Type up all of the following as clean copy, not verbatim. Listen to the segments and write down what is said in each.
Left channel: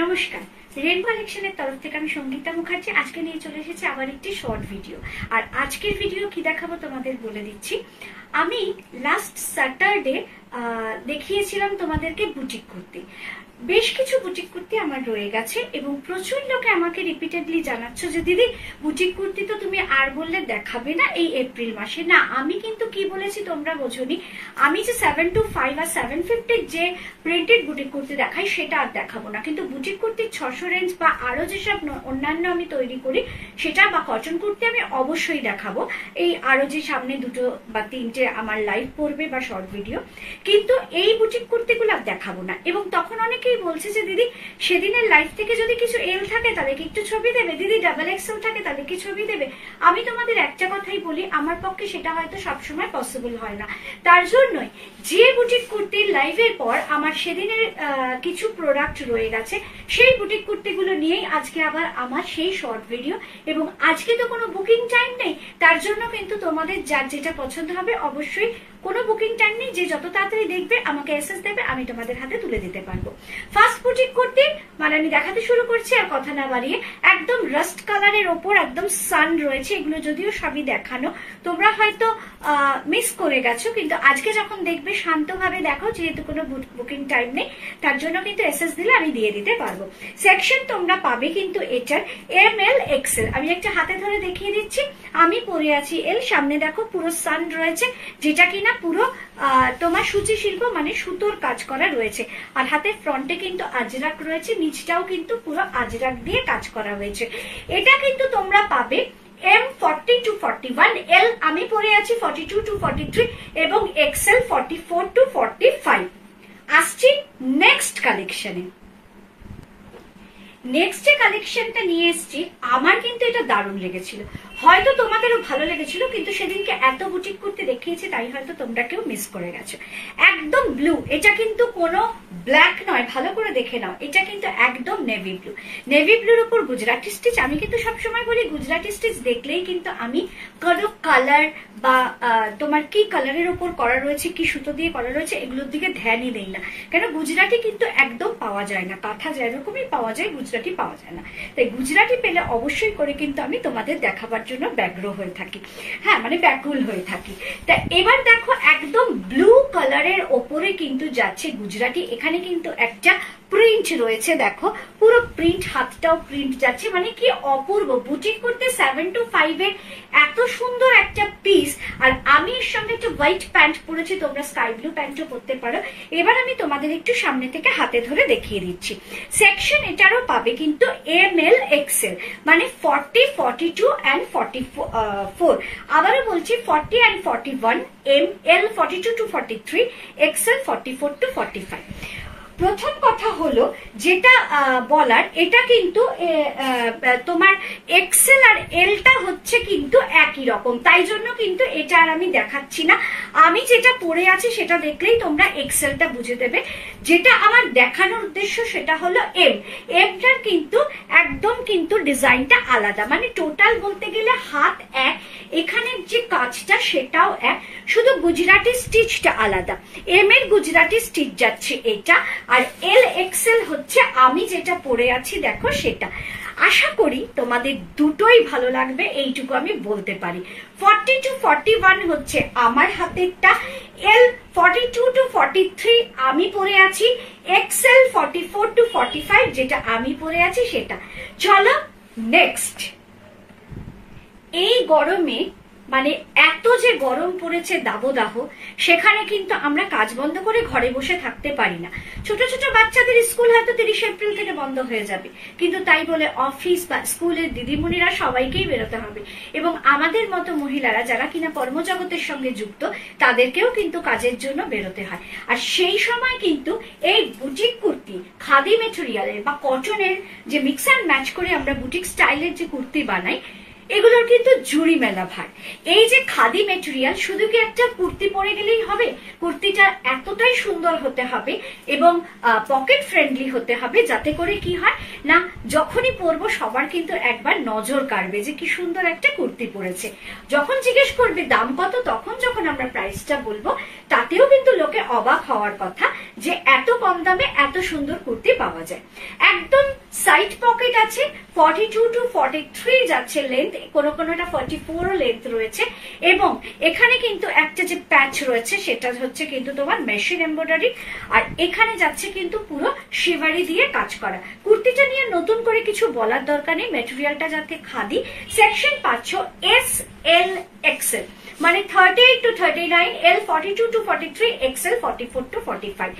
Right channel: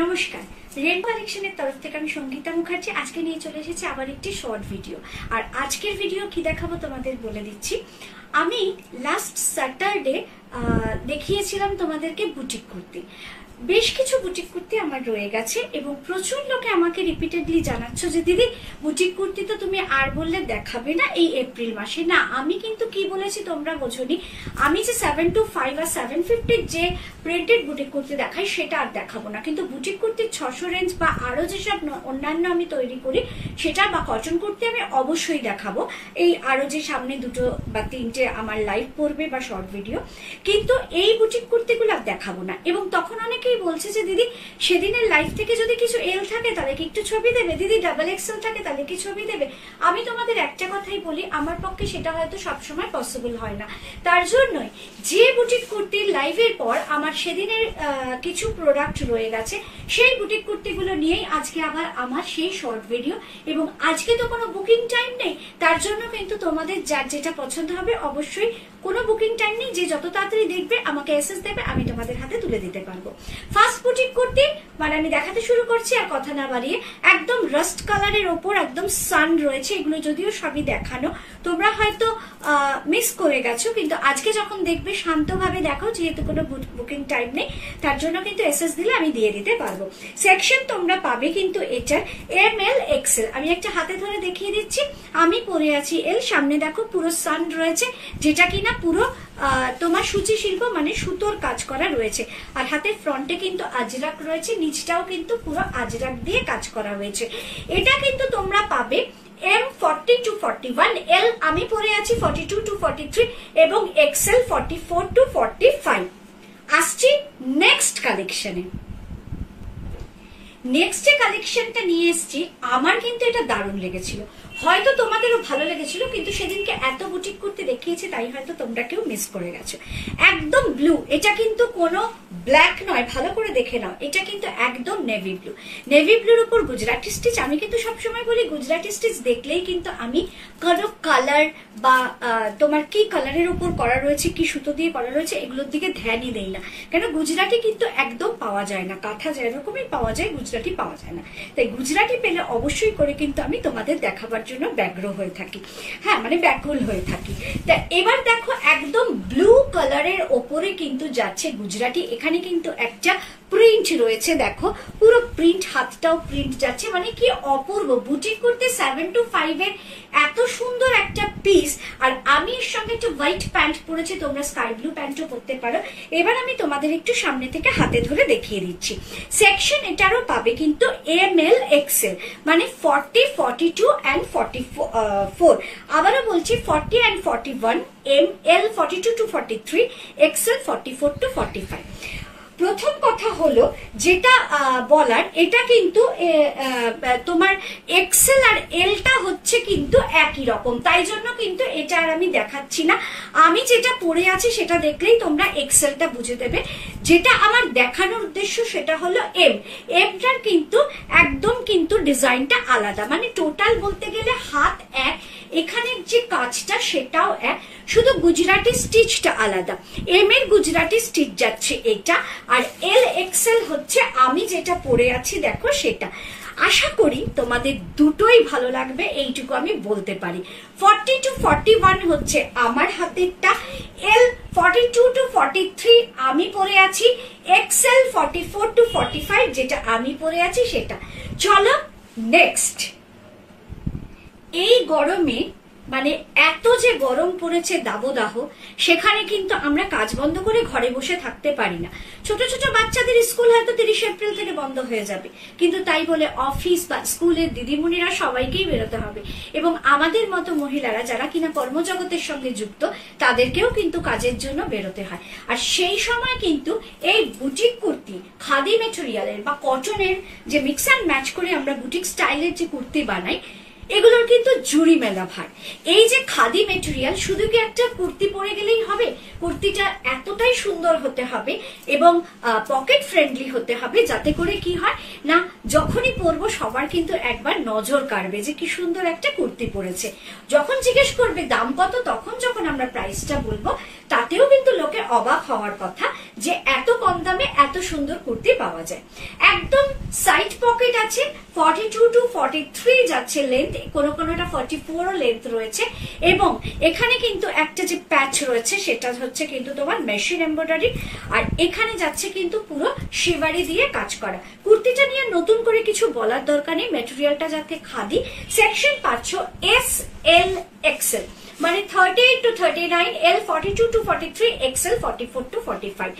নমস্কার, রেনবো কালেকশনের তরফ থেকে আমি সঙ্গীতা মুখার্জি আজকে নিয়ে চলে এসেছি আবার একটি শর্ট ভিডিও। আর আজকের ভিডিও কি দেখাবো তোমাদের বলে দিচ্ছি। আমি লাস্ট স্যাটারডে দেখিয়েছিলাম তোমাদেরকে বুটিক কুর্তি। বেশ কিছু বুটিক কুর্তি আমার রয়ে গেছে এবং প্রচুর লোকে আমাকে রিপিটেডলি জানাচ্ছ যে দিদি বুটিক কুর্তি তো তুমি আর বললে দেখাবে না এই এপ্রিল মাসে। না, আমি কিন্তু কি বলেছি তোমরা বোঝোনি। আমি যে 725 আর 750 যে প্রিন্টেড বুটিক কুর্তি দেখাই সেটা আর দেখাবো না, কিন্তু বুটিক কুর্তির 600 রেঞ্জ বা আরো যেসব অন্যান্য আমি তৈরি করি সেটা বা কটন কুর্তি আমি অবশ্যই দেখাবো। এই আরো যে সামনে দুটো বা তিনটে আমার লাইভ পড়বে বা শর্ট ভিডিও, কিন্তু এই বুটিক কুর্তিগুলো আর দেখাবো না। এবং তখন অনেকেই বলছে যে দিদি সেদিনের লাইভ থেকে যদি কিছু এল থাকে তাহলে কি একটু ছবি দেবে, দিদি ডাবল এক্সেল থাকে তাহলে কি ছবি দেবে। আমি তোমাদের একটা কথাই বলি, আমার পক্ষে সেটা হয়তো সবসময় পসিবল হয় না। তার জন্যই যে বুটিক কুর্তির লাইভের পর আমার সেদিনের কিছু প্রোডাক্ট রয়ে গেছে সেই বুটিক কুর্তিগুলো নিয়েই আজকে আবার আমার সেই শর্ট ভিডিও। এবং আজকে তো কোনো বুকিং টাইম নেই, তার জন্য কিন্তু তোমাদের যার যেটা পছন্দ হবে অবশ্যই কোনো বুকিং টাইম নেই, যে যত তাড়াতাড়ি দেখবে আমাকে এসএস দেবে, আমি তোমাদের হাতে তুলে দিতে পারবো। ফার্স্ট বুটিক কুর্তি মানে আমি দেখাতে শুরু করছি, আর কথা না বাড়িয়ে। একদম রাস্ট কালারের ওপর একদম সান রয়েছে, এগুলো যদিও সবই দেখানো, তোমরা হয়তো মিস করে গেছো, কিন্তু আজকে যখন দেখবে শান্তভাবে দেখো, যেহেতু কোনো বুকিং টাইম নেই তার জন্য কিন্তু এসএস দিলে আমি দিয়ে দিতে পারবো। সেকশন তোমরা পাবে কিন্তু এটার ML XL। আমি একটা হাতে ধরে দেখিয়ে দিচ্ছি, আমি পরে আছি এল, সামনে দেখো পুরো সান রয়েছে, যেটা কিনা পুরো তোমার সূচি শিল্প মানে সুতোর কাজ করা রয়েছে। আর হাতের ফ্রন্টে কিন্তু আজরাক রয়েছে, নিচটাও কিন্তু পুরো আজরাক দিয়ে কাজ করা হয়েছে। এটা কিন্তু তোমরা পাবে M40 to 41, L আমি পরে আছি 42 to 43 এবং XL 44 to 45। আসছি নেক্সট কালেকশনে। নেক্সট যে কালেকশনটা নিয়ে এসছি আমার কিন্তু এটা দারুণ লেগেছিল, হয়তো তোমাদেরও ভালো লেগেছিল, কিন্তু সেদিনকে এত বুটিক কুর্তি দেখিয়েছে তাই হয়তো তোমরা কেউ মিস করে গেছো। একদম ব্লু, এটা কিন্তু কোনো ব্ল্যাক নয়, ভালো করে দেখে নাও, এটা কিন্তু একদম নেভি ব্লু। নেভি ব্লুর উপর গুজরাটি স্টিচ। আমি কিন্তু সবসময় বলি গুজরাটি স্টিচ দেখলেই কিন্তু আমি কোনো কালার বা তোমার কি কালারের উপর করা রয়েছে, কি সুতো দিয়ে করা রয়েছে এগুলোর দিকে ধ্যানই দেই না, কেন গুজরাটি কিন্তু একদম পাওয়া যায় না। কাঁথা যেরকমই পাওয়া যায় গুজরাটি পাওয়া যায় না, তাই গুজরাটি পেলে অবশ্যই করে কিন্তু আমি তোমাদের দেখাবার জন্য ব্যগ্র হয়ে থাকি, হ্যাঁ মানে ব্যাকুল হয়ে থাকি। তা এবার দেখো একদম ব্লু কালারের ওপরে কিন্তু যাচ্ছে গুজরাটি। এখানে কিন্তু একটা প্রিন্ট রয়েছে, দেখো পুরো প্রিন্ট, হাতটাও প্রিন্ট যাচ্ছে, মানে কি অপূর্ব। বুটিক করতে 725 এর এত সুন্দর একটা পিস। আর আমি এর সঙ্গে একটা হোয়াইট প্যান্ট পরেছি, তোমরা স্কাই ব্লু প্যান্টও পরতে পারো। এবার আমি তোমাদের একটু সামনে থেকে হাতে ধরে দেখিয়ে দিচ্ছি। সেকশন এটারও পাবে কিন্তু ML XL, মানে 40, 42 and 44। আবারও বলছি 40 and 41, ML 42 to 43, XL 44 to 45। প্রথম কথা হলো যেটা বলার, এটা কিন্তু তোমার এক্সেল আর এলটা হচ্ছে কিন্তু একই রকম, তাই জন্য কিন্তু এটা আর আমি দেখাচ্ছি না। আমি যেটা পরে আছি সেটা দেখলেই তোমরা এক্সেলটা বুঝে দেবে। যেটা আমার দেখানোর উদ্দেশ্য সেটা হলো এমটার কিন্তু একদম কিন্তু ডিজাইনটা আলাদা, মানে টোটাল বলতে গেলে হাত এক, এখানের যে কাজটা সেটাও এক, শুধু গুজরাটি স্টিচটা আলাদা। এম এর গুজরাটি স্টিচ যাচ্ছে এটা, আর এল এক্সেল হচ্ছে আমি যেটা পরে আছি দেখো সেটা। আশা করি তোমাদের দুটোই ভালো লাগবে, এইটুকু আমি বলতে পারি। 40 to 41 হচ্ছে আমার হাতেরটা, এল 42 to 43 আমি পরে আছি, এক্সেল 44 to 45 যেটা আমি পরে আছি সেটা। চলো নেক্সট। এই গরমে মানে এত যে গরম পড়েছে দাবদাহ, সেখানে কিন্তু আমরা কাজ বন্ধ করে ঘরে বসে থাকতে পারি না। ছোট ছোট বাচ্চাদের স্কুল হয়তো 30 এপ্রিল থেকে বন্ধ হয়ে যাবে, কিন্তু তাই বলে অফিস বা স্কুলের দিদিমণিরা সবাইকেই বেরোতে হবে, এবং আমাদের মতো মহিলারা যারা কিনা কর্মজগতের সঙ্গে যুক্ত তাদেরকেও কিন্তু কাজের জন্য বেরোতে হয়। আর সেই সময় কিন্তু এই বুটিক কুর্তি খাদি মেটেরিয়ালের বা কটনের যে মিক্স অ্যান্ড ম্যাচ করে আমরা বুটিক স্টাইলের যে কুর্তি বানাই, এগুলোর কিন্তু জুড়ি মেলা ভার। এই যে খাদি মেটেরিয়াল, শুধু কি একটা কুর্তি পরে গেলেই হবে? কুর্তিটা এতটাই সুন্দর হতে হবে এবং পকেট ফ্রেন্ডলি হতে হবে, যাতে করে কি হয় না যখনই পরবো সবার কিন্তু একবার নজর কাড়বে যে কি সুন্দর একটা কুর্তি পরেছে। যখন জিজ্ঞেস করবে দাম কত, তখন যখন আমরা প্রাইসটা বলবো তাতেও কিন্তু লোকে অবাক হওয়ার কথা যে এত কম দামে এত সুন্দর কুর্তি পাওয়া যায়। একদম সাইড পকেট আছে, 42 to 43 যাচ্ছে লেন্থ, কোনোটা 44 লেন্থ রয়েছে, এবং এখানে কিন্তু একটা যে প্যাচ রয়েছে সেটা হচ্ছে কিন্তু তোমার মেশিন এমব্রয়ডারি, আর এখানে যাচ্ছে কিন্তু পুরো শিভারি দিয়ে কাজ করা। কুর্তিটা নিয়ে নতুন করে কিছু বলার দরকার নেই, মেটেরিয়ালটা যাতে খাদি। সেকশন পাচ্ছ এস এল এক্সেল, মানে 38 to 39, L 42 to 43, XL 44 to 45।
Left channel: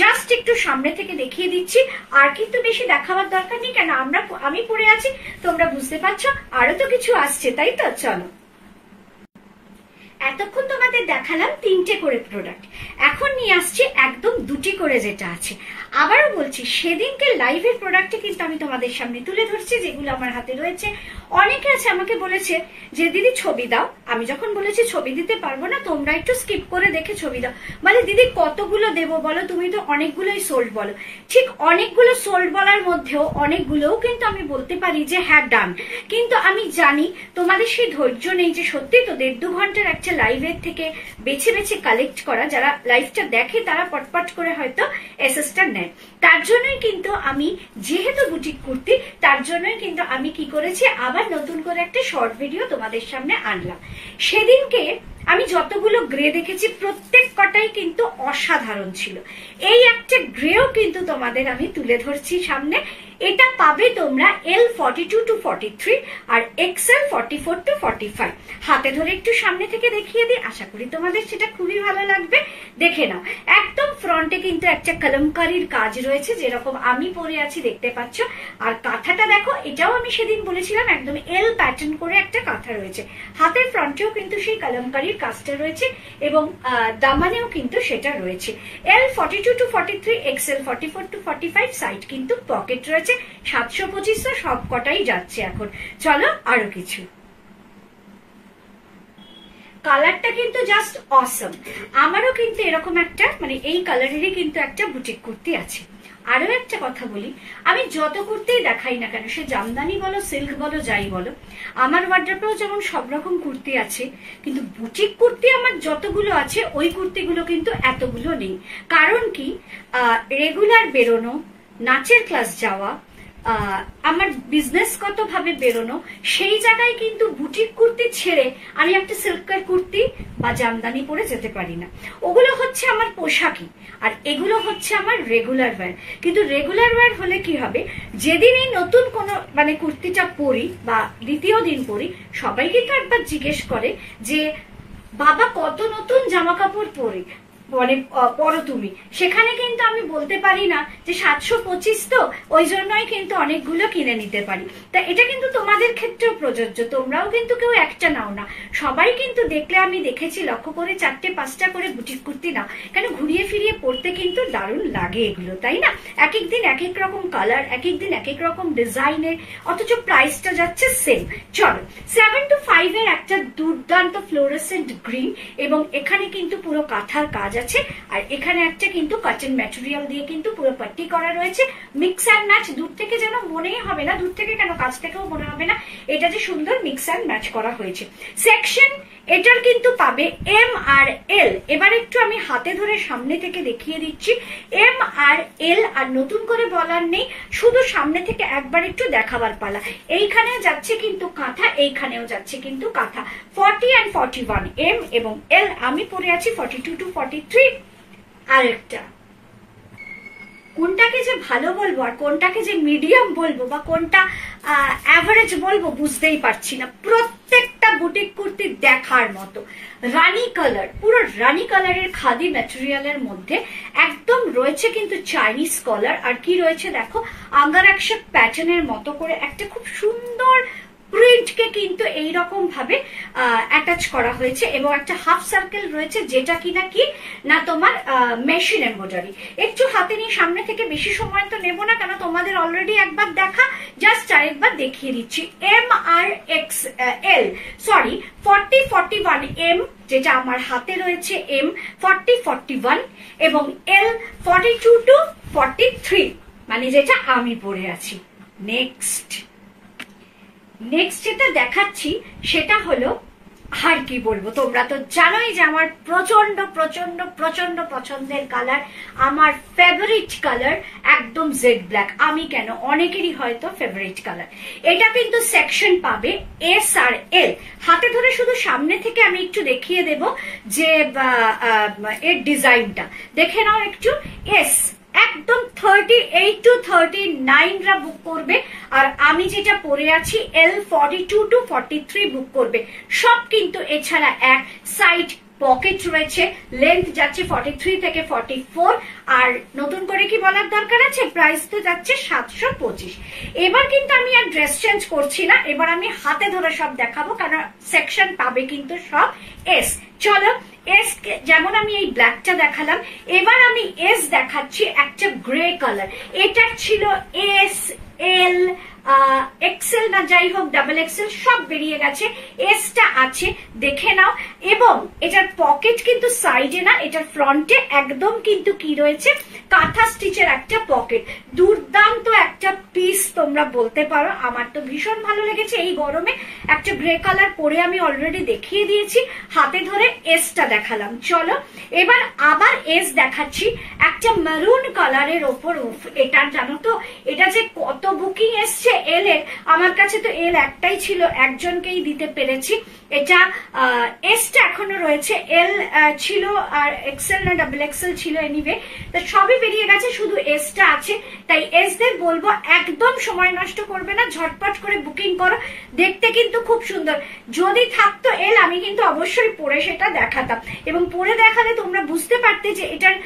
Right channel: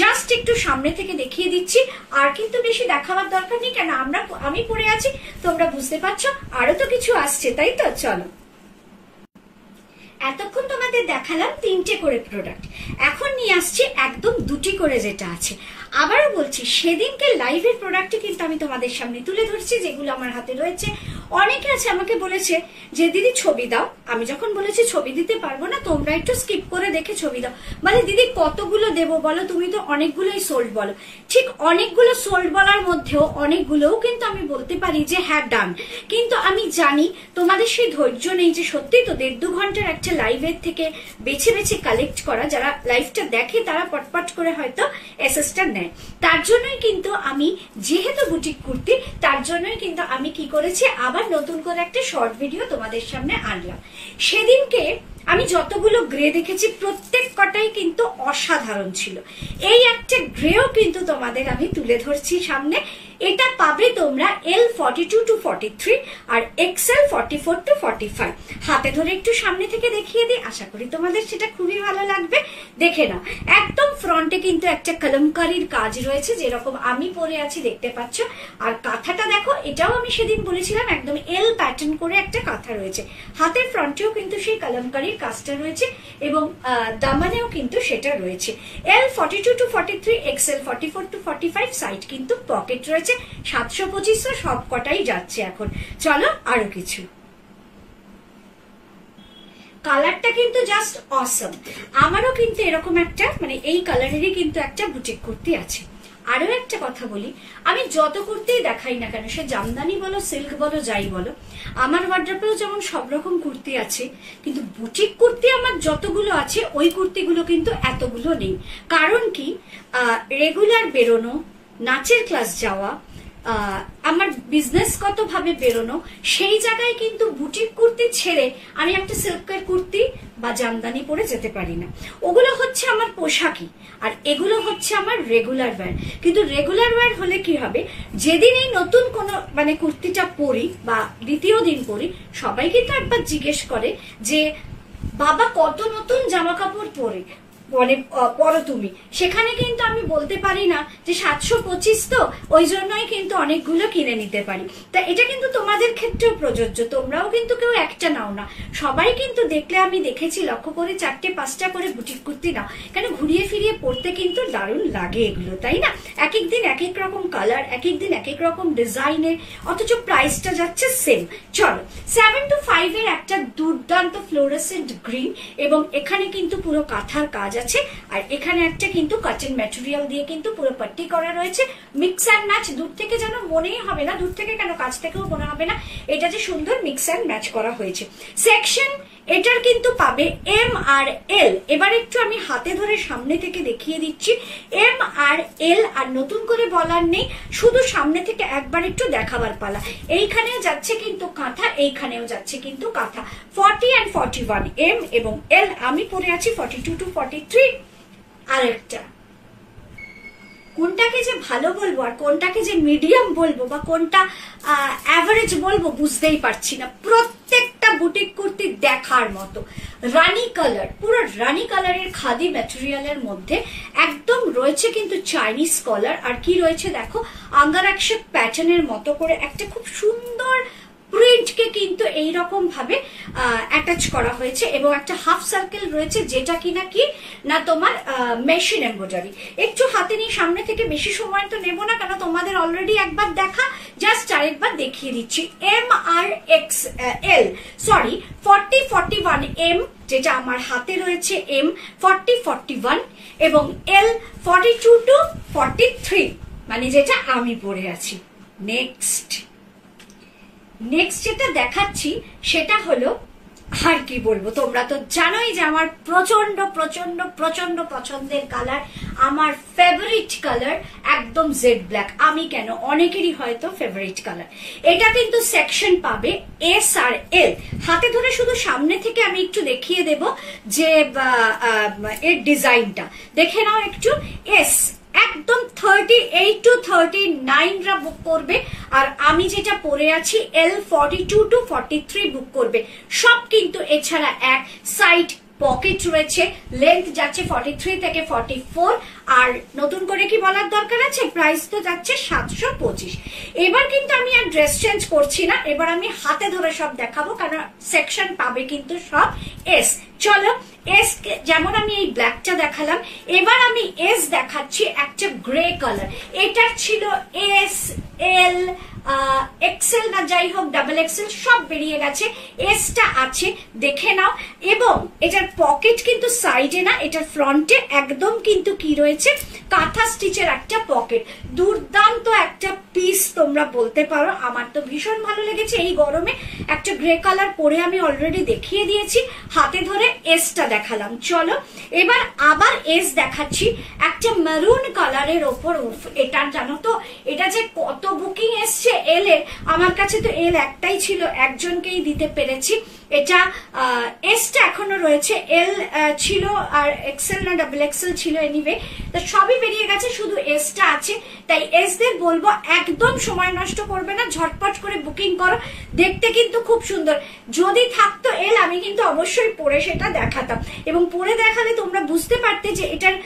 Just একটু সামনে থেকে দেখিয়ে দিচ্ছি, আর কিন্তু বেশি দেখাবার দরকার নেই, কেন আমি পরে আছি, তোমরা বুঝতে পারছো আরো তো কিছু আসছে, তাই তো? চলো, এতক্ষণ তোমাদের দেখালাম 3টে করে প্রোডাক্ট, এখন নিয়ে আসছি একদম 2টি করে যেটা আছে। আবারও বলছি, সেদিনকে লাইভের প্রোডাক্টে কিন্তু আমি তোমাদের সামনে তুলে ধরছি যেগুলো আমার হাতে রয়েছে। অনেকে আছে আমাকে বলেছে যে দিদি ছবি দাও, আমি যখন বলেছি ছবি দিতে পারবো না, তোমরা একটু স্কিপ করে দেখে ছবি দাও, মানে দিদি কতগুলো দেবো বলো, তুমি তো অনেকগুলোই সোল্ড বলো। ঠিক অনেকগুলো সোল্ড বলার মধ্যেও অনেকগুলোও কিন্তু আমি বলতে পারি যে হ্যাঁ ডান, কিন্তু আমি জানি তোমাদের সেই ধৈর্য নেই যে সত্যি তো 1.5-2 ঘন্টার একটা লাইভের থেকে বেছে বেছে কালেক্ট করা, যারা লাইভটা দেখে তারা পটপট করে হয়তো এসএসটা নেয়। তার জন্যই কিন্তু আমি, যেহেতু বুটিক কুর্তি, তার জন্যই কিন্তু আমি কি করেছি, আবার নতুন করে একটা শর্ট ভিডিও তোমাদের সামনে আনলাম। সেদিনকে আমি যতগুলো গ্রে দেখেছি প্রত্যেক কটাই কিন্তু অসাধারণ ছিল। এই একটা গ্রেও কিন্তু তোমাদের আমি তুলে ধরছি সামনে। এটা পাবে তোমরা L 42 to 43 R XL 44 to 45। হাতে ধরে একটু সামনে থেকে দেখিয়ে দিই, আশা করি তোমাদের সেটা খুবই ভালো লাগবে। দেখে নাও, একদম ফ্রন্টে কিন্তু একটা কলমকারীর কাজ রয়েছে, যেরকম আমি পরে আছি দেখতে পাচ্ছ। আর কাঁথাটা দেখো, এটাও আমি সেদিন বলেছিলাম একদম L প্যাটার্ন করে একটা কাঁথা রয়েছে। হাতের ফ্রন্টেও কিন্তু সেই কলমকারীর কাজটা রয়েছে, এবং দামানেও কিন্তু সেটা রয়েছে। L 42 to 43, XL 44 to 45, side কিন্তু পকেট রয়েছে। 725 সব কটাই যাচ্ছে এখন। চলো আরো কিছু, কালারটা কিন্তু জাস্ট অসম। আমারও কিন্তু এরকম একটা, মানে এই কালারেরই কিন্তু একটা বুটিক কুর্তি আছে। আরো একটা কথা বলি, আমি যত কুর্তিই দেখাই না কেন, সে জামদানি বলো, সিল্ক বলো, যাই বলো, আমার ওয়ার্ড্রপেও যেমন সব রকম কুর্তি আছে, কিন্তু বুটিক কুর্তি আমার যতগুলো আছে ওই কুর্তিগুলো কিন্তু এতগুলো নেই। কারণ কি, রেগুলার বেরোনো, নাচের ক্লাস যাওয়া, আমার বিজনেসগত ভাবে বেরোনো, সেই জায়গায় কিন্তু বুটিক কুর্তি ছেড়ে আমি একটা সিল্কের কুর্তি বা জামদানি পরে যেতে পারি না। ওগুলো হচ্ছে আমার পোশাকই, আর এগুলো হচ্ছে আমার রেগুলার ওয়্যার। কিন্তু রেগুলার ওয়্যার হলে কি হবে, যেদিন এই নতুন কোন মানে কুর্তিটা পরি বা দ্বিতীয় দিন পরি, সবাই কিন্তু একবার জিজ্ঞেস করে যে বাবা কত নতুন জামা কাপড় পরে মানে পরো তুমি। সেখানে কিন্তু আমি বলতে পারি না যে 725, তো ওই জন্যই কিন্তু অনেকগুলো কিনে নিতে পারি। তা এটা কিন্তু তোমাদের ক্ষেত্রেও প্রযোজ্য, তোমরাও কিন্তু কেউ একটা নাও না, সবাই কিন্তু দেখলে আমি দেখেছি লক্ষ্য করে 4-5টা করে বুটিক কুর্তি নাও, কারণ ঘুরিয়ে ফিরিয়ে পড়তে কিন্তু দারুণ লাগে এগুলো, তাই না? এক এক দিন এক এক রকম কালার, এক এক দিন এক এক রকম ডিজাইনের, অথচ প্রাইসটা যাচ্ছে সেম। চলো, 7 to 5 এর একটা দুর্দান্ত ফ্লোরেসেন্ট গ্রিন, এবং এখানে কিন্তু পুরো কাঁথার কাজ আছে, আর এখানে একটা কিন্তু কটন ম্যাটেরিয়াল দিয়ে কিন্তু পুরো পাট্টি করা রয়েছে। মিক্স অ্যান্ড ম্যাচ, দূর থেকে যেন মনেই হবে না, দূর থেকে কেন কাছ থেকেও মনে হবে না এটা যে সুন্দর মিক্স অ্যান্ড ম্যাচ করা হয়েছে। সেকশন এটার কিন্তু পাবে M আর L। এবার একটু আমি হাতে ধরে সামনে থেকে দেখিয়ে দিচ্ছি, M আর L, আর নতুন করে বলার নেই, শুধু সামনে থেকে একবার একটু দেখাবার পালা। এইখানে যাচ্ছে কিন্তু কাঁথা, এইখানেও যাচ্ছে কিন্তু কাঁথা। 40 and 41 M এবং L, আমি পরে আছি 42 to 43। আরেকটা, কোনটাকে যে ভালো বলবো আর কোনটাকে যে মিডিয়াম বলবো বা কোনটা অ্যাভারেজ বলবো বুঝতেই পারছি না। প্রত্যেকটা বুটিক কুর্তি দেখার মতো, রানী কালার, পুরো রানী কালারের খাদি ম্যাটেরিয়ালের মধ্যে একদম রয়েছে কিন্তু চাইনিজ কলার, আর কি রয়েছে দেখো, আঙ্গারাক্সা প্যাটার্নের মতো করে একটা খুব সুন্দর প্রিন্টকে কিন্তু এইরকম ভাবে অ্যাটাচ করা হয়েছে, এবং একটা হাফ সার্কেল রয়েছে, যেটা কিনা কি না তোমার মেশিন এমব্রয়ডারি। একটু হাতে নিয়ে সামনে থেকে বেশি সময় তো নেবো না, কেন তোমাদের অলরেডি একবার দেখা, জাস্ট আরেকবার দেখিয়ে দিচ্ছি। M আর XL, সরি 40-41 M, যেটা আমার হাতে রয়েছে M 40-41, এবং L 42 to 43, মানে যেটা আমি পরে আছি। নেক্সট যেটা দেখাচ্ছি সেটা হলো আর কি বলবো, তোমরা তো জানোই যে আমার প্রচন্ড প্রচন্ড প্রচন্ড পছন্দের কালার, আমার ফেভারিট কালার একদম জেড ব্ল্যাক। আমি কেন, অনেকেরই হয়তো ফেভারিট কালার। এটা কিন্তু সেকশন পাবে এস আর এল। হাতে ধরে শুধু সামনে থেকে আমি একটু দেখিয়ে দেব যে এর ডিজাইনটা দেখে নাও একটু। এস একদম 38 to 39 রা বুক করবে, আর আমি যেটা পরে আছি এল 42 to 43 বুক করবে সব। কিন্তু এছাড়া এক সাইড পকেট রয়েছে, লেন্থ যাচ্ছে 43 থেকে 44। আর নতুন করে কি বলার দরকার আছে, প্রাইস তো যাচ্ছে 725। এবার কিন্তু আমি আর ড্রেস চেঞ্জ করছি না, এবার আমি হাতে ধরে সব দেখাবো, কারণ সেকশন পাবে কিন্তু সব এস। চলো এস, যেমন আমি এই ব্ল্যাকটা দেখালাম, এবার আমি এস দেখাচ্ছি একটা গ্রে কালার। এটা ছিল এস, এল, এক্সেল না যাই হোক ডাবল এক্সেল সব বেরিয়ে গেছে, এসটা আছে দেখে নাও। এবং এটার পকেট কিন্তু সাইডে না, এটার ফ্রন্টে একদম কিন্তু কি রয়েছে, কাঁথা স্টিচের একটা পকেট। দুর্দান্ত একটা পিস তোমরা বলতে পারো, আমার তো ভীষণ ভালো লেগেছে। এই গরমে একটা গ্রে কালার পরে আমি অলরেডি দেখিয়ে দিয়েছি, হাতে ধরে এসটা দেখালাম। চলো এবার আবার এস দেখাচ্ছি একটা মেরুন কালারের ওপর। এটা জানো তো, এটা যে কত বুকিং এসছে এল এর, আমার কাছে তো এল একটাই ছিল, একজনকেই দিতে পেরেছি। এটা এসটা এখনো রয়েছে, এল ছিল আর এক্সেল না ডাবল এক্সেল ছিল, এনিওয়ে তো সবই বেরিয়ে গেছে, শুধু এসটা আছে। তাই এস দের বলবো একদম সময় নষ্ট করবে না, ঝটপট করে বুকিং করো। দেখতে কিন্তু খুব সুন্দর। যদি থাকতো এল আমি কিন্তু অবশ্যই পরে সেটা দেখাতাম, এবং পরে দেখালে তোমরা বুঝতে পারতে যে এটার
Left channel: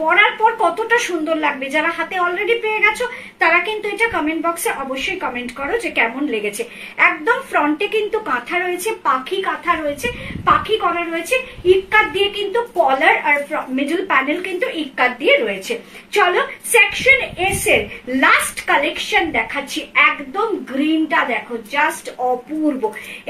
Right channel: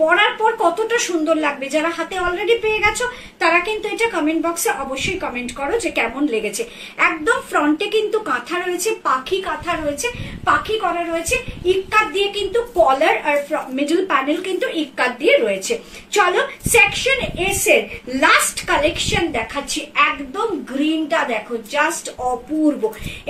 পরার পর কতটা সুন্দর লাগবে। যারা হাতে অলরেডি পেয়ে গেছো তারা কিন্তু এটা কমেন্ট বক্সে অবশ্যই কমেন্ট করো যে কেমন লেগেছে। একদম ফ্রন্টে কিন্তু কাঁথা রয়েছে, পাখি কাঁথা রয়েছে, পাখি করা রয়েছে, ইক্কাত দিয়ে কিন্তু কলার আর মিডল প্যানেল কিন্তু ইক্কাত দিয়ে রয়েছে। চলো সেকশন এস এর লাস্ট কালেকশন দেখাচ্ছি। একদম গ্রিনটা দেখো, জাস্ট অপূর্ব।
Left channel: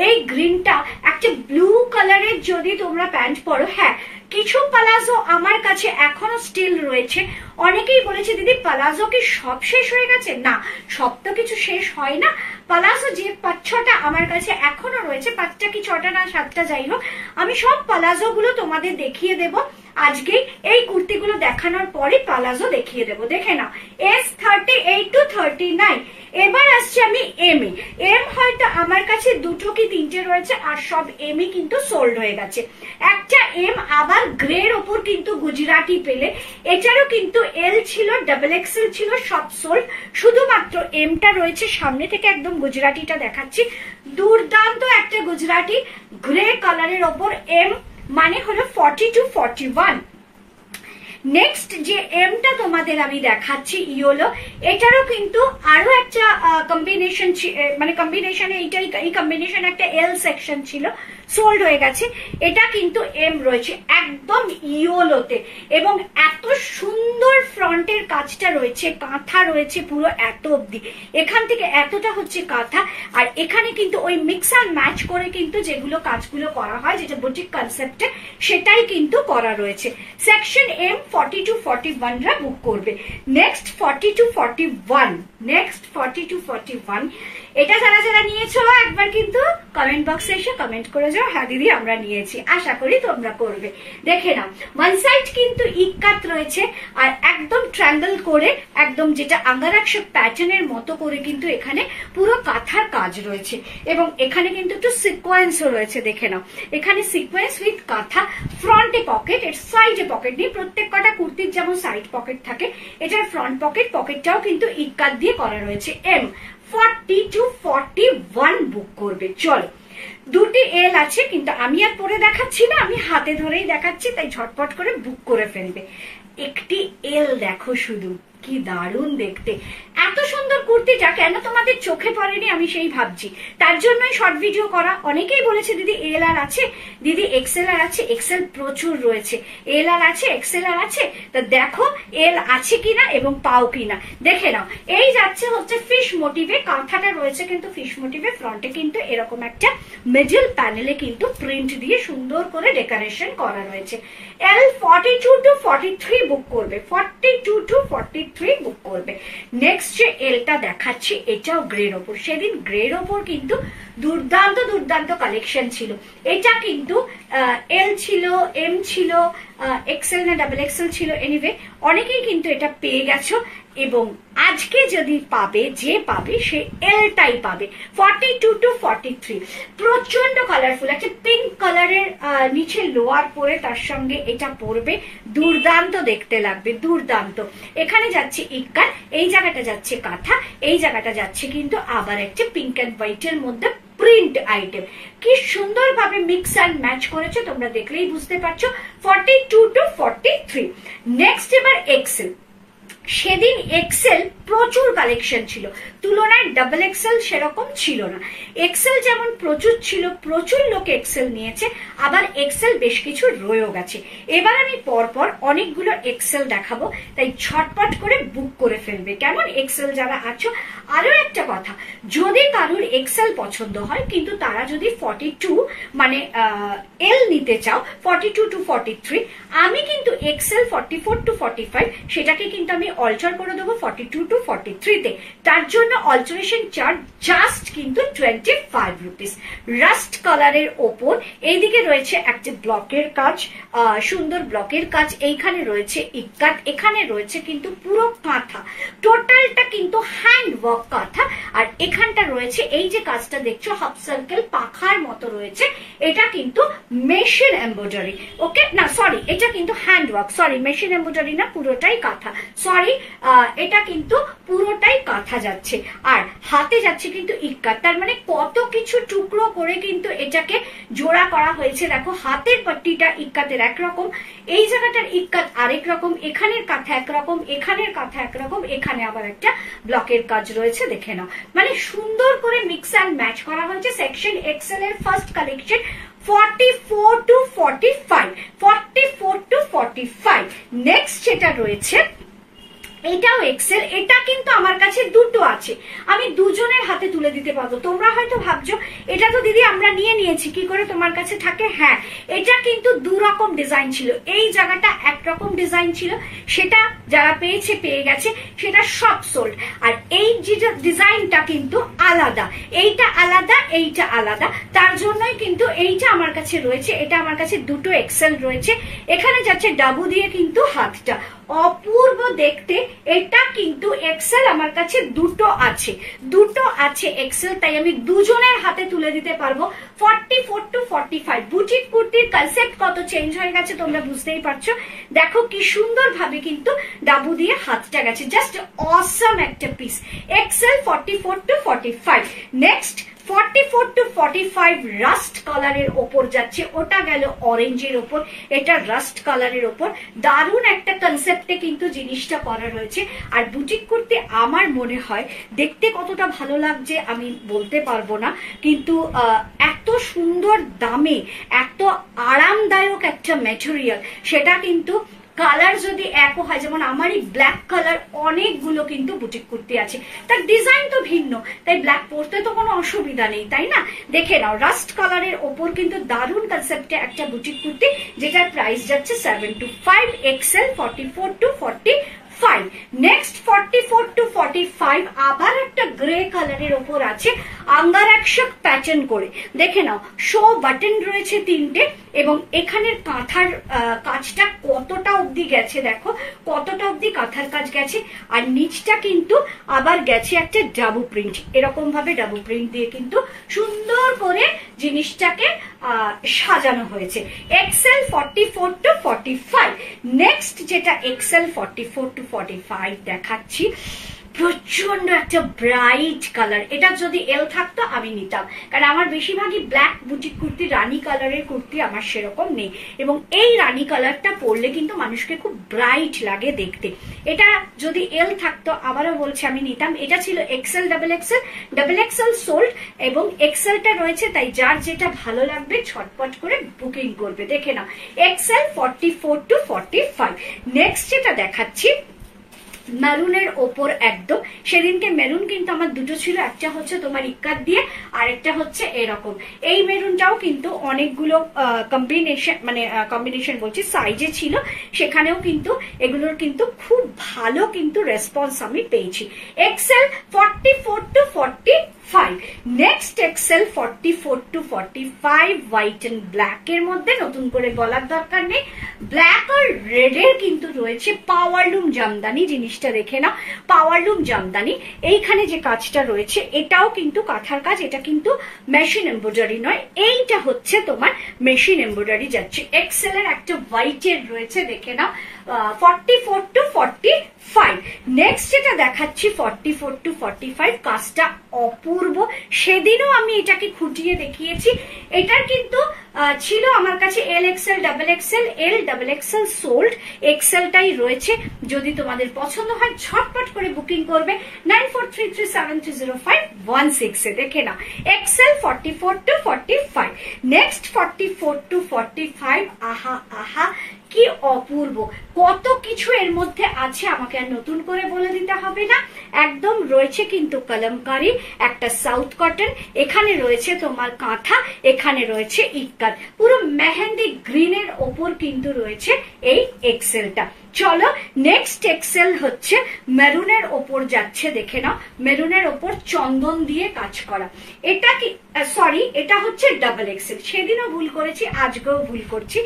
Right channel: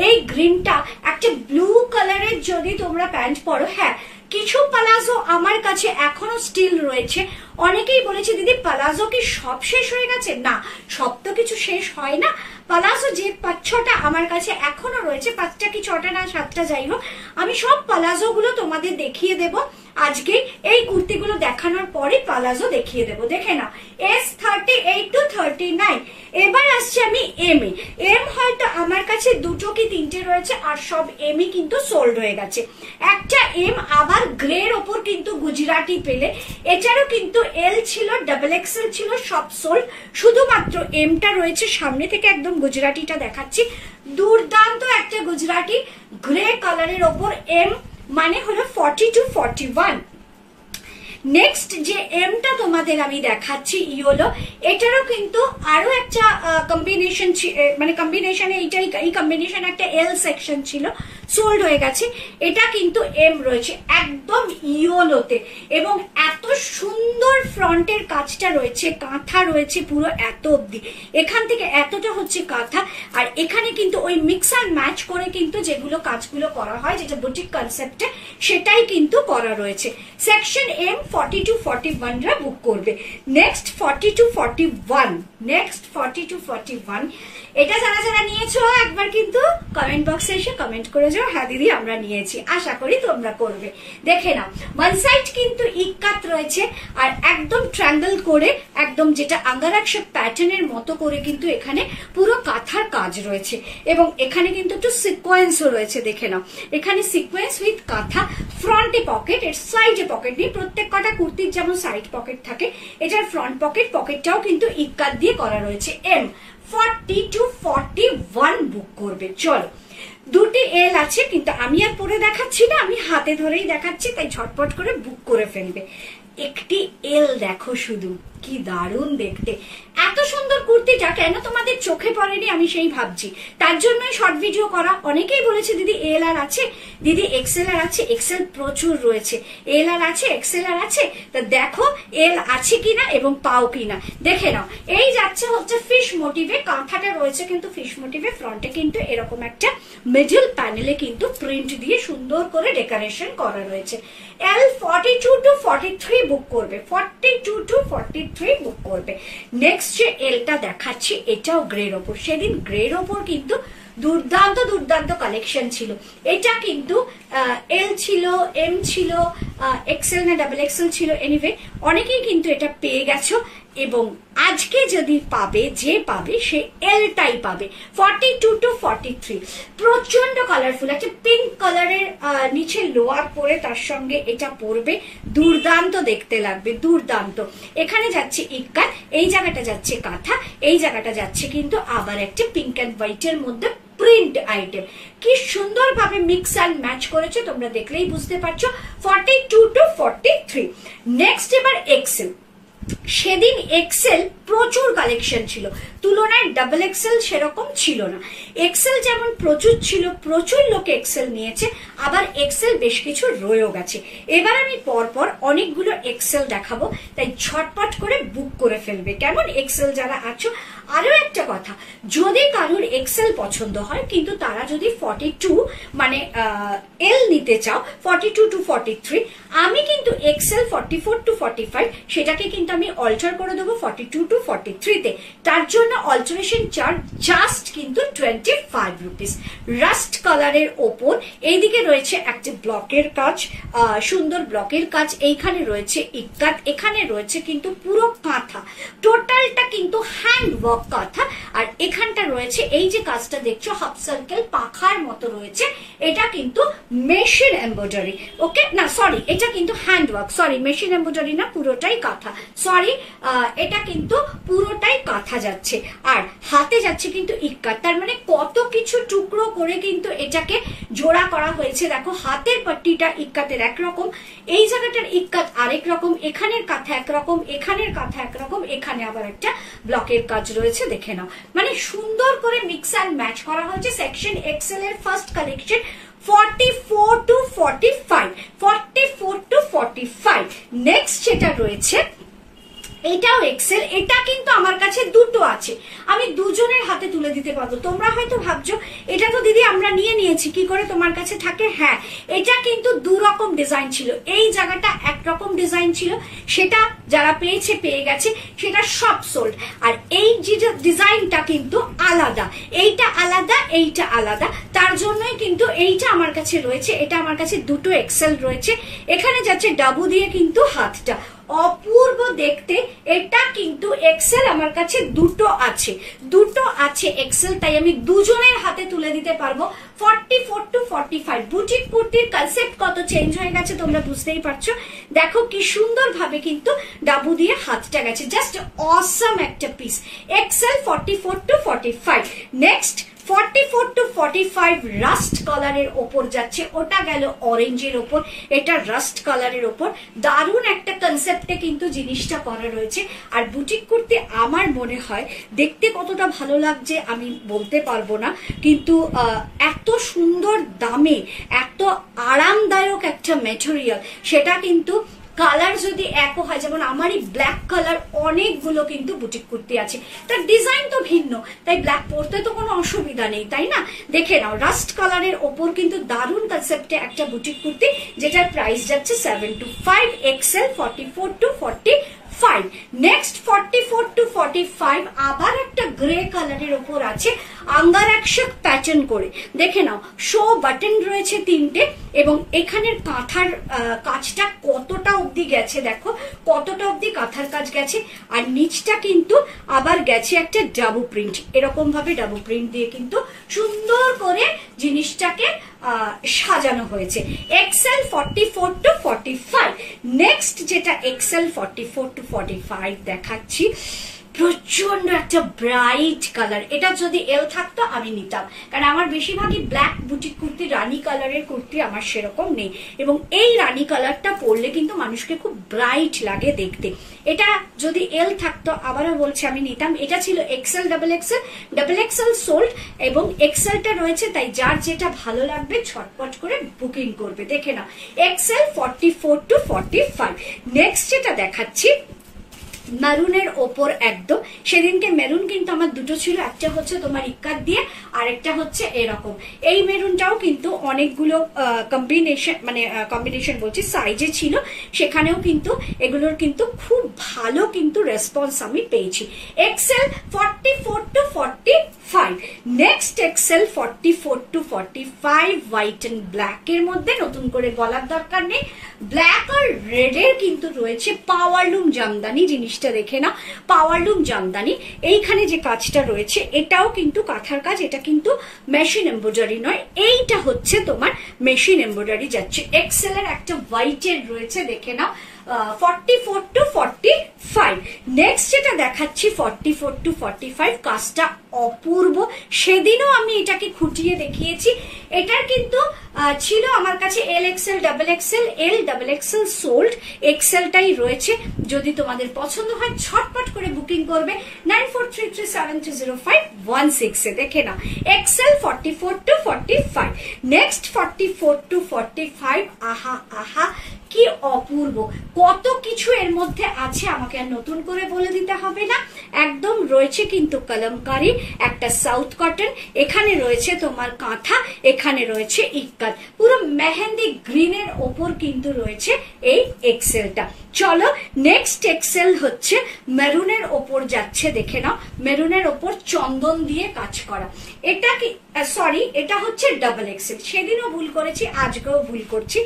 এই গ্রিনটা একটা ব্লু কালারের যদি তোমরা প্যান্ট পরো, হ্যাঁ কিছু পালাজো আমার কাছে এখনো স্টিল রয়েছে। অনেকেই বলেছে দিদি পালাজো কি সব শেষ হয়ে গেছে? না, সব তো কিছু শেষ হয় না। পালাজো যে 5-6টা আমার কাছে এখনো রয়েছে, 5টা কি 6টা না 7টা যাই হোক, আমি সব পালাজো গুলো তোমাদের দেখিয়ে দেব আজকে। এই কুর্তিগুলো দেখানোর পরে পালাজো দেখিয়ে দেব, দেখে নাও। S 38 to 39। এবার আসছে আমি এম এ। এম হয়তো আমার কাছে 2টো কি 3টে রয়েছে, আর সব এমই কিন্তু সোল্ড হয়ে গেছে। একটা এম আবার গ্রের ওপর কিন্তু গুজরাটি পেলে, এটারও কিন্তু এল ছিল, ডাবল এক্সেল ছিল, সব সোল্ড। শুধুমাত্র এমটা রয়েছে। সামনে থেকে একদম গুজরাটিটা দেখাচ্ছি, দুর্দান্ত একটা গুজরাটি গ্রে কালারের ওপর এম, মানে হলো 40 to 41। নেক্সট যে এমটা তোমাদের আমি দেখাচ্ছি ইয়েলো, এটারও কিন্তু আরো একটা কম্বিনেশন, মানে কম্বিনেশনে এই কম্বিনেশন একটা এল সেকশন ছিল, সোল্ড হয়ে গেছে। এটা কিন্তু এম রয়েছে একদম ইয়েলোতে, এবং এত সুন্দর ফ্রন্টের কাজটা রয়েছে, কাঁথা রয়েছে পুরো এত অব্দি, এখান থেকে এতটা হচ্ছে কাঁথা, আর এখানে কিন্তু ওই মিক্স আর ম্যাচ করে কিন্তু যেগুলো কাজগুলো করা হয়, যেটা বুটিক কনসেপ্টে, সেটাই কিন্তু করা রয়েছে। সেকশন এম 40 to 41 রা বুক করবে। Next 40 to 41, next 40 to 41। এটা যারা যারা নিয়েছো একবার কিন্তু কমেন্ট বক্সে এসে কমেন্ট করে যাও, হ্যাঁ দিদি আমরা নিয়েছি। আশা করি তোমরা করবে। দেখে নাও, ওয়ান সাইড কিন্তু ইক্কাত রয়েছে, আর একদম ট্রায়াঙ্গল করে, একদম যেটা আঙ্গারাক্ষ প্যাটার্নের মতো করে কিন্তু এখানে পুরো কাঁথার কাজ রয়েছে, এবং এখানে কিন্তু একটু সিকোয়েন্সও রয়েছে। দেখে নাও, এখানে সিকোয়েন্স উইথ কাঁথা, ফ্রন্টে পকেট, এর সাইডে পকেট নেই। প্রত্যেক কটা কুর্তির যেমন সাইড পকেট থাকে, এটার ফ্রন্ট পকেট, পকেটটাও কিন্তু ইক্কাত দিয়ে করা রয়েছে। এম 40 to 41 বুক করবে। চলো, দুটি এল আছে, কিন্তু আমি আর পরে দেখাচ্ছি না, আমি হাতে ধরেই দেখাচ্ছি, তাই ঝটপট করে বুক করে ফেলবে। একটি এল দেখো শুধু, কি দারুণ দেখতে। এত সুন্দর কুর্তিটা কেন তোমাদের চোখে পড়েনি আমি সেই ভাবছি, তার জন্যই শর্ট ভিডিও করা। অনেকেই বলেছে দিদি এল আর আছে, দিদি এক্সেল আর আছে। এক্সেল প্রচুর রয়েছে, এল আর আছে, এক্সেল আর আছে। তো দেখো এল আছে কিনা এবং পাও কিনা দেখে নাও। এই যাচ্ছে হচ্ছে ফিশ মোটিভে, কাঁথাটা রয়েছে কিন্তু ফিশ মোটিভে, ফ্রন্টে কিন্তু এরকম একটা মিডল প্যানেলে কিন্তু প্রিন্ট দিয়ে সুন্দর করে ডেকোরেশন করা রয়েছে। এল 42 to 43 বুক করবে, 42 to 43। 43 বুক করবে। নেক্সট যে এলটা দেখাচ্ছি এটাও গ্রের ওপর, সেদিন গ্রের ওপর কিন্তু দুর্দান্ত দুর্দান্ত কালেকশন ছিল। এটা কিন্তু এল ছিল, এম ছিল, এক্সেল না ডাবল এক্সেল ছিল, এনিওয়ে অনেকেই কিন্তু এটা পেয়ে গেছো। এবং আজকে যদি পাবে, যে পাবে সে এলটাই পাবে। 42 to 43 প্রচন্ড কালারফুল, একটা পিঙ্ক কালারের নিচে লোয়ার পরে তার সঙ্গে এটা পরবে, দুর্দান্ত দেখতে লাগবে, দুর্দান্ত। এখানে যাচ্ছে ইক্কাত, এই জায়গাটা যাচ্ছে কাঁথা, এই জায়গাটা যাচ্ছে কিন্তু আবার একটা পিঙ্ক অ্যান্ড হোয়াইটের মধ্যে প্রিন্ট আইটেম। কি সুন্দরভাবে মিক্স অ্যান্ড ম্যাচ করেছে, তোমরা দেখলেই বুঝতে পারছো। 42 to 43। নেক্সট এবার এক্সেল। সেদিন এক্সেল প্রচুর কালেকশন ছিল, তুলনায় ডাবল এক্সেল সেরকম ছিল না। এক্সেল যেমন প্রচুর ছিল, প্রচুর লোক এক্সেল নিয়েছে, আবার এক্সেল বেশ কিছু রয়েও গেছে। এবার আমি পরপর অনেকগুলো এক্সেল দেখাবো, তাই ঝটপট করে বুক করে ফেলবে, কেমন? এক্সেল যারা আছো। আরো একটা কথা, যদি কারোর এক্সেল পছন্দ হয় কিন্তু তারা যদি 42 মানে এল নিতে চাও 42 to 43, আমি কিন্তু এক্সেল 44 to 45 সেটাকে কিন্তু আমি অল্টার করে দেবো 42 to 43 তে। তার জন্য অল্টারেশন চার্জ জাস্ট কিন্তু 25 রুপিস। রাস্ট কালারের ওপর এইদিকে রয়েছে একটা ব্লকের কাজ, সুন্দর ব্লকের কাজ, এইখানে রয়েছে ইক্কাত, এখানে রয়েছে কিন্তু পুরো কাঁথা, টোটালটা কিন্তু হ্যান্ড ওয়ার্ক কাঁথা। আর এখানটা রয়েছে এই যে কাজটা দেখছো হাফ সার্কেল পাখার মতো রয়েছে, এটা কিন্তু মেশিন এমব্রয়ডারি। ওকে, না সরি, এটা কিন্তু hand work, sorry machine embroidery না, পুরোটাই কাঁথা, সরি এটা কিন্তু পুরোটাই কাঁথা যাচ্ছে। আর হাতে যাচ্ছে কিন্তু ইক্কাত, তার মানে কত কিছু টুকরো করে কিন্তু এটাকে জোড়া করা হয়েছে। দেখো হাতের পট্টিটা ইক্কাতের একরকম, এই জায়গাটার ইক্কাত আরেক রকম, এখানের কাঁথা একরকম, এখানের কাঁথা একরকম, এখানে আবার একটা ব্লকের কাজ রয়েছে, দেখে নাও। মানে সুন্দর করে মিক্স অ্যান্ড ম্যাচ করা হয়েছে। সেকশন এক্সেল এর first collection 44 to 45, 44 to 45। Next যেটা রয়েছে এটাও এক্সেল, এটা কিন্তু আমার কাছে দুটো আছে, আমি দুজনের হাতে তুলে দিতে পারবো। তোমরা হয়তো ভাবছো এটা তো দিদি আমরা নিয়ে নিয়েছি, কি করে তোমার কাছে থাকে? হ্যাঁ, এটা কিন্তু দু রকম ডিজাইন ছিল, এই জায়গাটা একরকম ডিজাইন ছিল, সেটা যারা পেয়েছে পেয়ে গেছে, সেটা সব সোল্ড। আর এই যে ডিজাইনটা কিন্তু আলাদা, এইটা আলাদা, এইটা আলাদা, তার জন্যই কিন্তু এইটা আমার কাছে রয়েছে। এটা আমার কাছে দুটো এক্সেল রয়েছে, এখানে যাচ্ছে ডাবু দিয়ে কিন্তু হাতটা অপূর্ব দেখতে। এটা কিন্তু এক্সেল আমার কাছে দুটো আছে, দুটো আছে এক্সেল, তাই আমি দুজনের হাতে তুলে দিতে পারবো। 44 to 45। বুটিক কুর্তির কনসেপ্ট কত চেঞ্জ হয়ে গেছে তোমরা বুঝতেই পারছো। দেখো কি সুন্দর ভাবে কিন্তু ডাবু দিয়ে হাতটা গেছে, জাস্ট অসম একটা পিস। XL 44 to 45। Next 44 to 45 rust কালারের ওপর যাচ্ছে, ওটা গেল অরেঞ্জের ওপর, এটা রাস্ট কালারের ওপর। দারুণ একটা কনসেপ্টে কিন্তু জিনিসটা করা রয়েছে। আর বুটিক কুর্তি আমার মনে হয় দেখতে কতটা ভালো লাগছে আমি বলতে পারবো না, কিন্তু এত সুন্দর দামে এত আরামদায়ক একটা ম্যাটেরিয়াল, সেটা কিন্তু কালার যদি একও হয়, যেমন আমারই ব্ল্যাক কালার অনেকগুলো কিন্তু বুটিক কুর্তি আছে, তার ডিজাইন তো ভিন্ন, তাই ব্ল্যাক পরতে তো কোনো অসুবিধা নেই, তাই না? দেখে নাও, রাস্ট কালারের ওপর কিন্তু দারুণ কনসেপ্টে একটা বুটিক কুর্তি, যেটার প্রাইস যাচ্ছে 725, এক্সেল 44 to 45। নেক্সট 44 to 45 আবার একটা গ্রে কালারের ওপর আছে, আঙ্গারাক্ষক প্যাটার্ন করে, দেখে নাও শো বাটন রয়েছে 3টে, এবং এখানের কাঁথার কাজটা কতটা অবধি গেছে, দেখো কতটা অবধি কাঁথার কাজ গেছে। আর নিচটা কিন্তু আবার গেছে একটা ডাবু প্রিন্ট, এরকম ভাবে ডাবু প্রিন্ট দিয়ে কিন্তু সুন্দর করে জিনিসটাকে সাজানো হয়েছে। XL 44 to 45। নেক্সট যেটা এক্সেল 44 to 45 দেখাচ্ছি, প্রচন্ড একটা ব্রাইট কালার, এটা যদি এল থাকতো আমি নিতাম, কারণ আমার বেশিরভাগই ব্ল্যাক বুটিক কুর্তি, রানী কালারের কুর্তি আমার সেরকম নেই, এবং এই রানী কালারটা পরলে কিন্তু মানুষকে খুব ব্রাইট লাগে দেখতে। এটা যদি এল থাকতো আবারও বলছি আমি নিতাম। এটা ছিল XL, double XL, double XL sold এবং এক্সেলটা রয়েছে, তাই যার যেটা ভালো লাগবে ছটপট করে বুকিং করবে। দেখে নাও এক্সেল 44 to 45। নেক্সট যেটা দেখাচ্ছি মেরুনের ওপর একদম। সেদিনকে মেরুন কিন্তু আমার দুটো ছিল, একটা হচ্ছে তোমার ইক্কাত দিয়ে আর একটা হচ্ছে এরকম। এই মেরুনটাও কিন্তু অনেকগুলো কম্বিনেশন বলছি সাইজে ছিল, সেখানেও কিন্তু এগুলোর কিন্তু খুব ভালো কিন্তু রেসপন্স আমি পেয়েছি। XL 44 to 45, next XL 44 to 45 white and black এর মধ্যে, নতুন করে বলার দরকার নেই। ব্ল্যাক আর রেড এর কিন্তু রয়েছে পাওয়ারলুম জামদানি। জিনিসটা দেখে না, পাওয়ারলুম জামদানি। এইখানে যে কাজটা রয়েছে এটাও কিন্তু কাঁথার কাজ, এটা কিন্তু মেশিন এমব্রয়ডারি নয়, এইটা হচ্ছে তোমার মেশিন এমব্রয়ডারি যাচ্ছে। এক্সেল এর একটা হোয়াইট এর রয়েছে, দেখে নাও 44 to 45। নেক্সট যেটা দেখাচ্ছি 44 to 45, কাজটা অপূর্ব। সেদিনও আমি এটাকে খুঁটিয়ে দেখিয়েছি। এটার কিন্তু ছিল আমার কাছে L XL, double XL, L double XL sold, এক্সেলটাই রয়েছে। যদি তোমাদের পছন্দ হয় ঝটপট করে বুকিং করবে 9433730516 এ। দেখে না, এক্সেল 44 to 45। নেক্সট 44 to 45, আহা আহা কি অপূর্ব, কত কিছু এর মধ্যে আছে, আমাকে আর নতুন করে বলে দিতে হবে না। একদম রয়েছে কিন্তু কলমকারী, একটা সাউথ কটন, এখানে রয়েছে তোমার কাঁথা, এখানে রয়েছে ইক্কাত, পুরো মেহেন্দি গ্রিনের ওপর কিন্তু রয়েছে এই এক্সেলটা। চলো নেক্সট এক্সেল হচ্ছে মেরুনের ওপর যাচ্ছে, দেখে নাও, মেরুনের ওপর চন্দন দিয়ে কাজ করা। এটা কি সরি, এটা হচ্ছে ডাবল এক্সেল। সেদিনও ভুল করেছি, আজকেও ভুল করছি,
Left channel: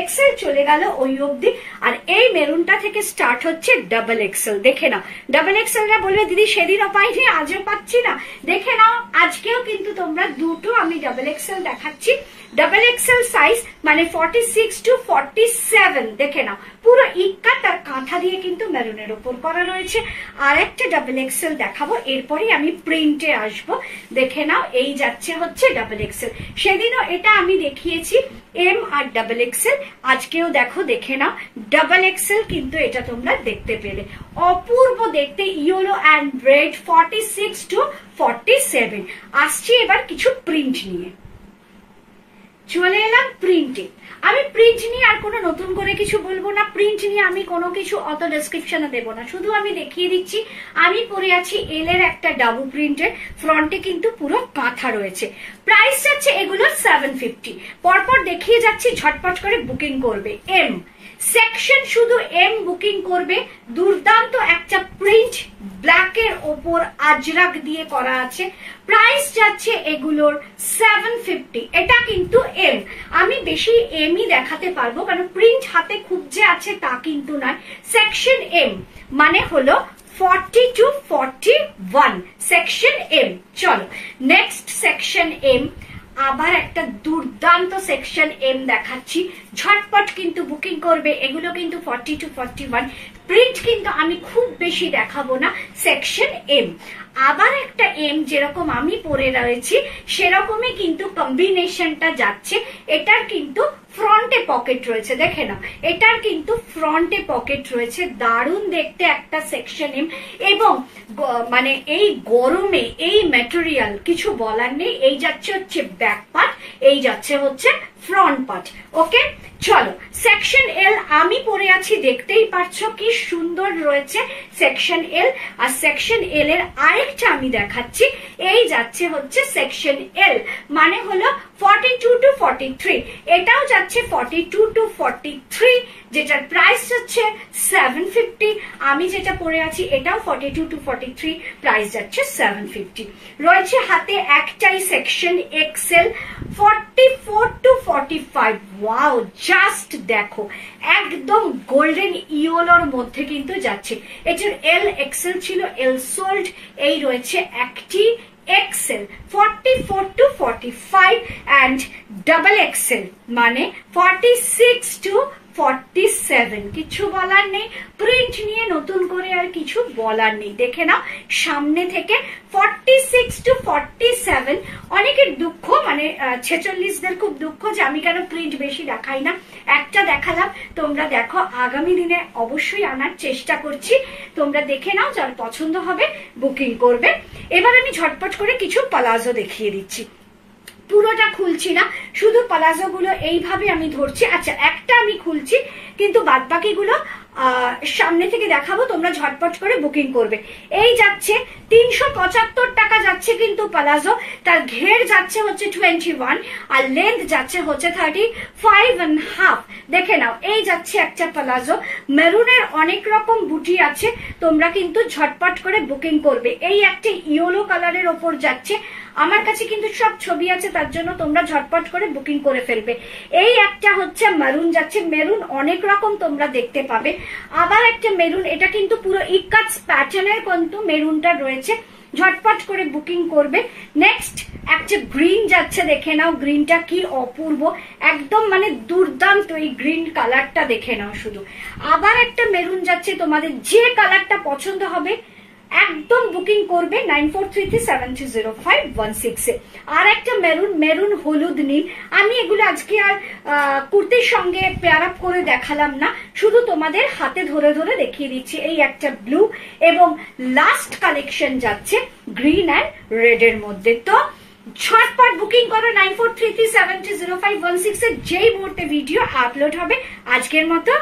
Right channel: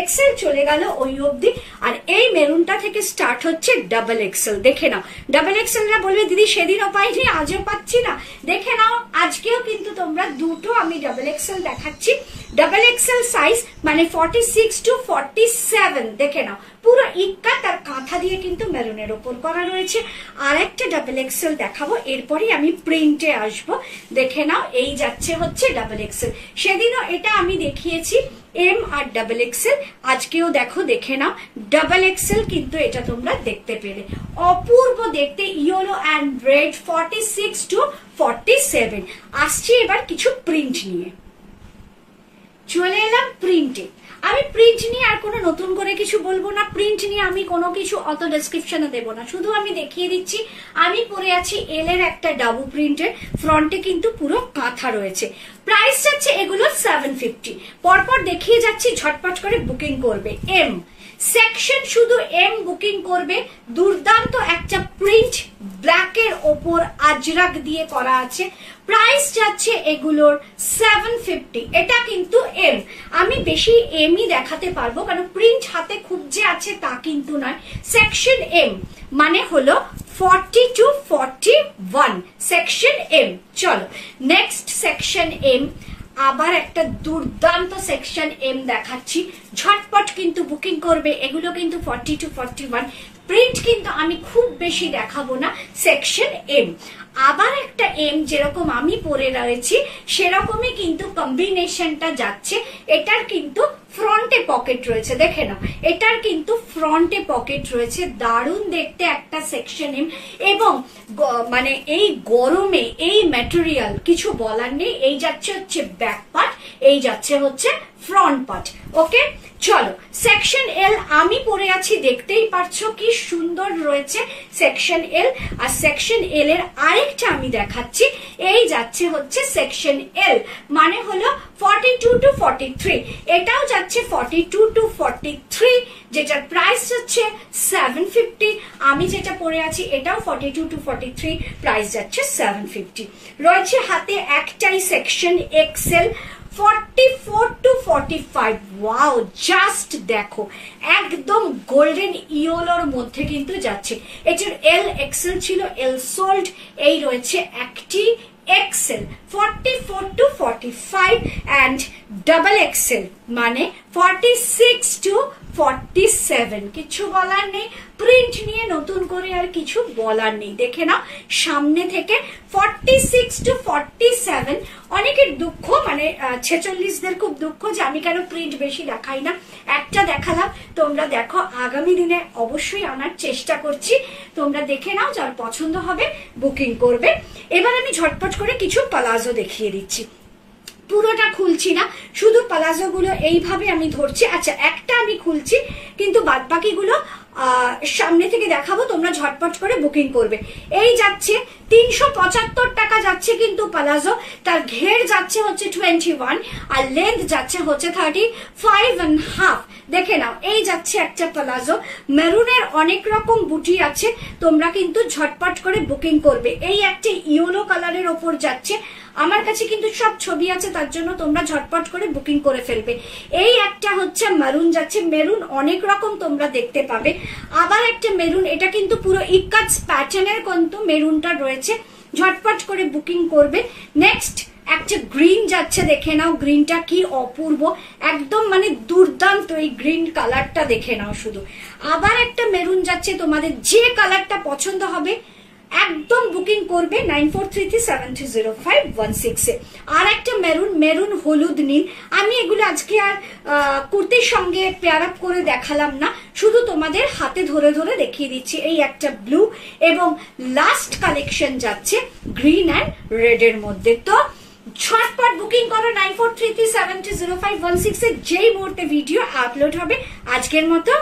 এক্সেল চলে গেল ওই অবধি। আর এই মেরুনটা থেকে স্টার্ট হচ্ছে ডাবল এক্সেল। দেখে নাও, ডাবল এক্সেলরা বলবে দিদি সেদিনও পাইনি আজও পাচ্ছি না। দেখে নাও, আজকেও কিন্তু তোমরা দুটো আমি ডাবল এক্সেল দেখাচ্ছি। ডাবল এক্সেল সাইজ মানে 46 to 47। দেখে নাও, পুরো ইক্কাত আর কাঁথা দিয়ে কিন্তু মেরুনের ওপর করা রয়েছে। আর একটা ডাবল এক্সেল দেখাবো, এরপরে আমি প্রিন্টে আসব। দেখে নাও, এই যাচ্ছে হচ্ছে ডাবল এক্সেল। সেদিনও এটা আমি দেখিয়েছি এম আর ডাবল এক্সেল, আজকেও দেখো, দেখে নাও ডাবল এক্সেল কিন্তু এটা তোমরা দেখতে পেলে। অপূর্ব দেখতে, ইয়েলো অ্যান্ড রেড 46 to 47। আসছি এবার কিছু প্রিন্ট নিয়ে, চলে এলাম প্রিন্টে। আমি প্রিন্ট নিয়ে আর কোনো নতুন করে কিছু বলবো না, প্রিন্ট নিয়ে আমি কোনো কিছু অত ডেসক্রিপশনে দেবো না, শুধু আমি দেখিয়ে দিচ্ছি। আমি পরে আছি এল এর একটা ডাবু প্রিন্টের, ফ্রন্টে কিন্তু পুরো কাঁথা রয়েছে। প্রাইস যাচ্ছে এগুলো 750। পরপর দেখিয়ে যাচ্ছি, ঝটপট করে বুকিং করবে। এম সেকশন শুধু এম বুকিং করবে। দুর্দান্ত একটা প্রিন্ট, ব্ল্যাকের ওপর আজরাক দিয়ে করা আছে। প্রাইস যাচ্ছে এগুলোর 750। এটা কিন্তু এম, আমি বেশি এমই দেখাতে পারবো কারণ প্রিন্ট হাতে খুব যে আছে তা কিন্তু নয়। সেকশন এম মানে হলো 40 to 41, সেকশন এম। চলো নেক্সট সেকশন এম, আবার একটা দুর্দান্ত সেকশন এম দেখাচ্ছি, ঝটপট কিন্তু বুকিং করবে। এগুলো কিন্তু 40 to 41। প্রিন্ট কিন্তু আমি খুব বেশি দেখাবো না, সেকশন এম। আবার একটা এম যেরকম আমি পরে রয়েছি সেরকমই কিন্তু কম্বিনেশনটা যাচ্ছে। এটার কিন্তু ফ্রন্টে পকেট রয়েছে, দেখে নাও, এটার কিন্তু ফ্রন্টে পকেট রয়েছে। দারুণ দেখতে একটা সেকশন এম, এবং মানে এই গরমে এই ম্যাটেরিয়াল কিছু বলার নেই। এই যাচ্ছে হচ্ছে ব্যাক পার্ট, এই যাচ্ছে হচ্ছে ফ্রন্ট পার্ট। ওকে, চলো সেকশন এল আমি পরে আছি, দেখতেই পারছো কি সুন্দর রয়েছে সেকশন এল। আর সেকশন এল এর আরেকটা আমি দেখাচ্ছি, এই যাচ্ছে হচ্ছে সেকশন এল মানে হলো 42 to 43। এটাও যাচ্ছে 42 to 43, যেটার প্রাইস হচ্ছে 750। আমি যেটা পরে আছি এটাও 42 to 43, প্রাইস যাচ্ছে 750। রয়েছে হাতে একটাই section XL 44 to 45। Wow, just দেখো, একদম গোল্ডেন ইয়েলোর মধ্যে কিন্তু যাচ্ছে। এটার এল এক্সেল ছিল, এল সোল্ড, এই রয়েছে একটি XL 44 to 45 and double XL মানে 46 to 47। কিছু বলার নেই, প্রিন্ট নিয়ে নতুন করে আর কিছু বলার নেই। দেখে নাও সামনে থেকে 46 to 47। অনেকের দুঃখ, মানে 46দের খুব দুঃখ যে আমি কেন প্রিন্ট বেশি দেখাই না। একটা দেখালাম, তোমরা দেখো, আগামী দিনে অবশ্যই আনার চেষ্টা করছি। তোমরা দেখে নাও, যার পছন্দ হবে বুকিং করবে। এবার আমি ঝটপট করে কিছু পালাজো দেখিয়ে দিচ্ছি, পুরোটা খুলছি না, শুধু পালাজো গুলো এইভাবে আমি ধরছি। আচ্ছা, একটা আমি খুলছি, কিন্তু বাদ বাকিগুলো সামনে থেকে দেখাবো, তোমরা ঝটপট করে বুকিং করবে। এই যাচ্ছে 375 টাকা যাচ্ছে কিন্তু প্লাজো, তার ঘের যাচ্ছে হচ্ছে 21 আর লেন্থ যাচ্ছে হচ্ছে 35.5। দেখে নাও, এই যাচ্ছে একটা প্লাজো, মেরুনের অনেক রকম বুটি আছে, তোমরা কিন্তু ঝটপট করে বুকিং করবে। এই একটা ইয়েলো কালারের ওপর যাচ্ছে, আমার কাছে কিন্তু সব ছবি আছে, তার জন্য তোমরা ঝটপট করে বুকিং করে ফেলবে। এই একটা হচ্ছে মেরুন যাচ্ছে, মেরুন অনেক রকম তোমরা দেখতে পাবে। আবার একটা মেরুন, এটা কিন্তু পুরো ইকাজ প্যাটার্নের কিন্তু মেরুনটা রয়েছে, ঝটপট করে বুকিং করবে। নেক্সট একটা গ্রিন যাচ্ছে, দেখে নাও গ্রিনটা কি অপূর্ব, একদম মানে দুর্দান্ত এই গ্রিন কালারটা, দেখে নাও শুধু। আবার একটা মেরুন যাচ্ছে, তোমাদের যে কালারটা পছন্দ হবে একদম বুকিং করবে 9433730516 এ। আর একটা মেরুন, মেরুন হলুদ নীল, আমি এগুলো আজকে আর কুর্তির সঙ্গে পেয়ার আপ করে দেখালাম না, শুধু তোমাদের হাতে ধরে ধরে দেখিয়ে দিচ্ছি। এই একটা ব্লু এবং লাস্ট কালেকশন যাচ্ছে গ্রিন অ্যান্ড রেড এর মধ্যে। তো ঝটপট বুকিং করো 9433730516 এ, যেই মুহূর্তে ভিডিও আপলোড হবে। আজকের মতো